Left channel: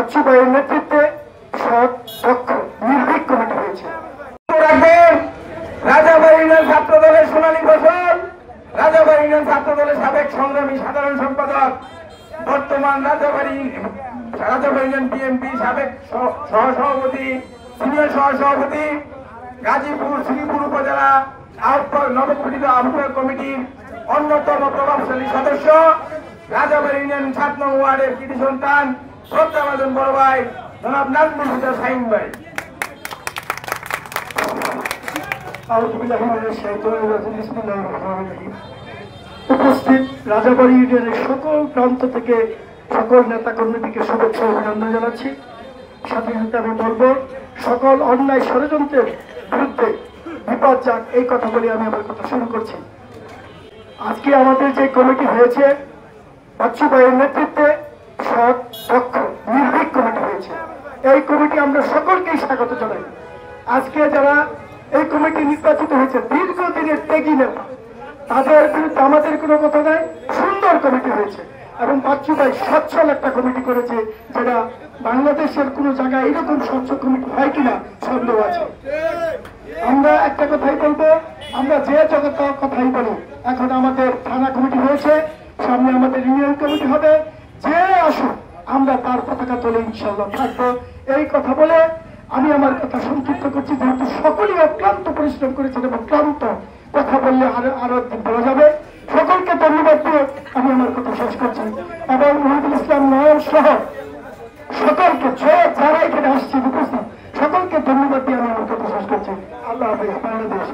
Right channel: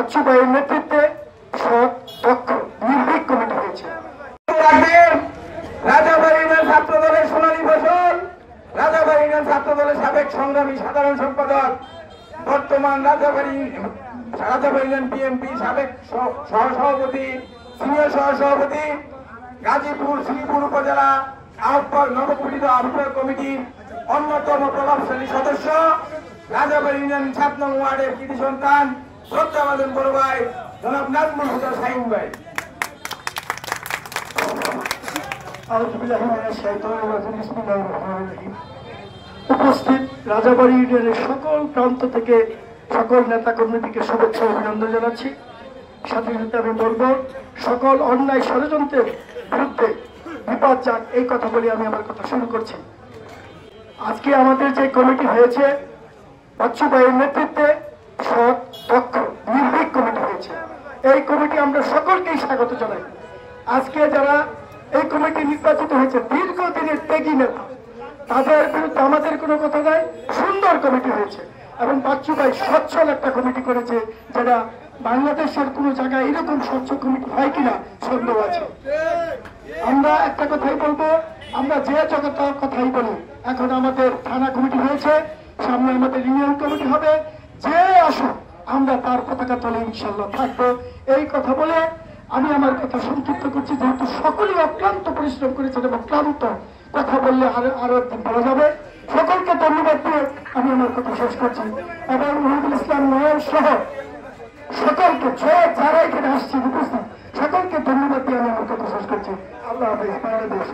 বাচ্চু ভাইয়ের নেতৃত্বে সৎ দক্ষ নির্ভীক কমিটি হয়েছে। রাজাবাড়ী ইউনিয়ন ছাত্র দলের সোনালী ফসল, রাজাবাড়ী ইউনিয়ন ছাত্র দলের সাবেক সংগ্রামী সাধারণ সম্পাদক, বর্তমান রাজাবাড়ী ইউনিয়ন বিএনপি সাবেক সহসভাপতি, সিনিয়র সহসভাপতি, গাজীপুর শ্রীপুর উপজেলা নবগঠিত আহ্বায়ক কমিটির অন্যতম প্রভাবশালী সদস্য, রাজাবাড়ী ইউনিয়ন ৭ নং ওয়ার্ডের কৃতি সন্তান, শ্রদ্ধাভাজন বড় ভাই জনাব নাজমুল হুদা শাহীন ভাই। উপস্থিত রাজাবাড়ী ইউনিয়নের সকল প্রান্ত থেকে সকল নেতা কর্মীকে শুভেচ্ছা অভিনন্দন জানাচ্ছি। সাথে সাথে আমি বলবো, সকল অন্যায় ষড়যন্ত্রের বিরুদ্ধে বিপদ যাক, এই কথা বলে আমি আমার কথা শুরু করছি। আজকে আমাদের যে কমিটি হয়েছে, বাচ্চু ভাইয়ের নেতৃত্বে সৎ দক্ষ নির্ভীক কমিটি হয়েছে। এই কমিটি আমরা সকলকেই স্বাগত জানাই। আজকে যারা এই কমিটি নির্বাচিত হয়েছে দীর্ঘদিনের ত্যাগী নেতা, তাদের বিরুদ্ধে আমাদের কোনো কথা নাই। সুন্দর কমিটি হয়েছে এবং বাচ্চু ভাই সচ্ছল একটা কমিটি করেছে, যেটা বাংলাদেশের কোনো জায়গায় এরকম স্বচ্ছ কমিটি হয় কিনা সন্দেহ আছে। আমরা একটা কথাই বলবো, আমরা যে জগৎ কথাই বলি, এখন আমাদের থানা কমিটি হয়েছে, সামনে আমাদের ইউনিয়ন কমিটি হবে। যে আসুক আমরা তার পতাকা তলে ইনশাল্লাহ থাকবো। এই কথা বলে আমি আমার কথা সংক্ষিপ্ত করছি, যেহেতু সকলেই অক্লান্ত পরিশ্রম করেছেন এবং ক্লান্ত, কথা বললে আরো বলা যাবে। সকলকে ধন্যবাদ দিয়ে আমি আমার কথা শেষ করছি এবং মহিদুল ইসলাম নয়ন সহ সকলকে যারা এখানে আসছে উপস্থিত সকলকে ধন্যবাদ দিয়ে আমি আমার কথা শেষ করছি। আল্লাহ হাফেজ। বাংলাদেশ।